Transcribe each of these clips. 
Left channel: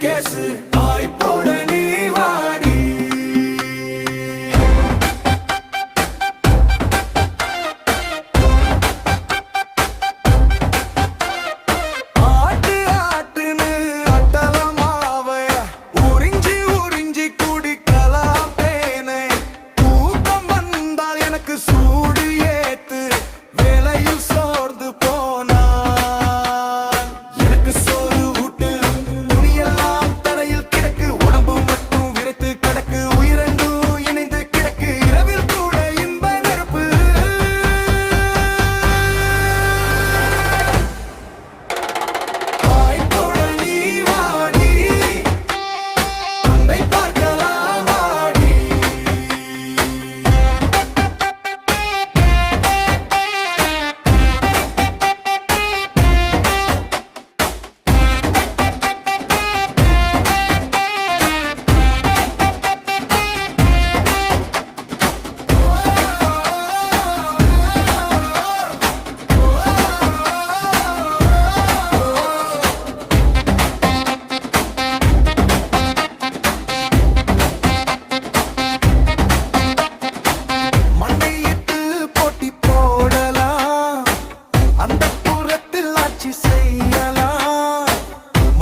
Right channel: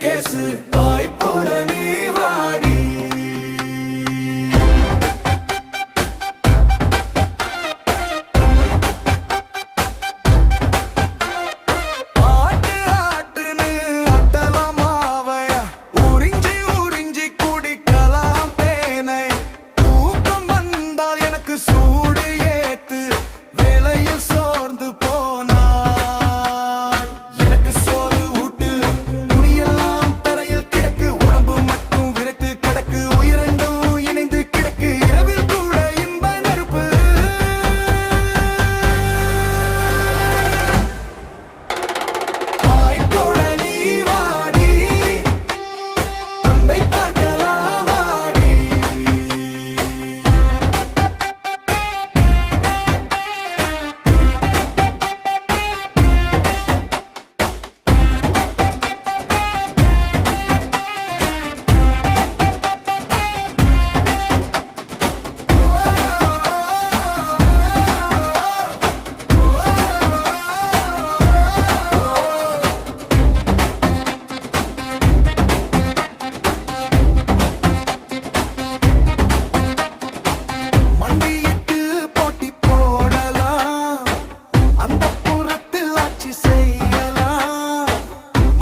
Case. வாய்ப்போட நீ வாடி. ஆட்டு ஆட்டுன்னு அட்டலாம் மாவைய. உறிஞ்சி உறிஞ்சி குடிக்கலாம் தேனை தூக்கம் வந்தால் எனக்கு சூடு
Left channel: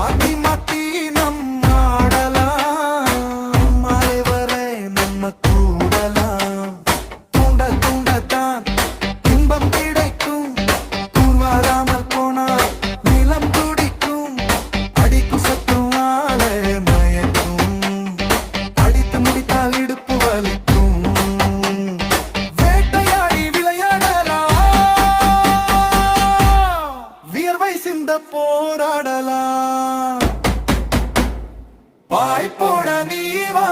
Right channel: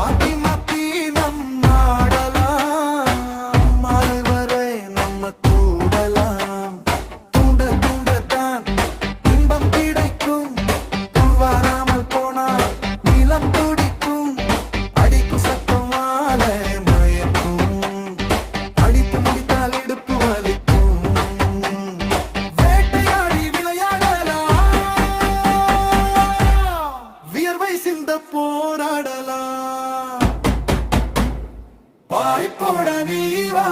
மாத்தி மாத்தி நம்ம ஆடலாம் மாலை வரை நம்ம கூடலாம். தூண்ட தூண்டத்தான் இன்பம் கிடைக்கும். வாய் சிந்த போராடலாம். வாய்ப்போட நீ வா.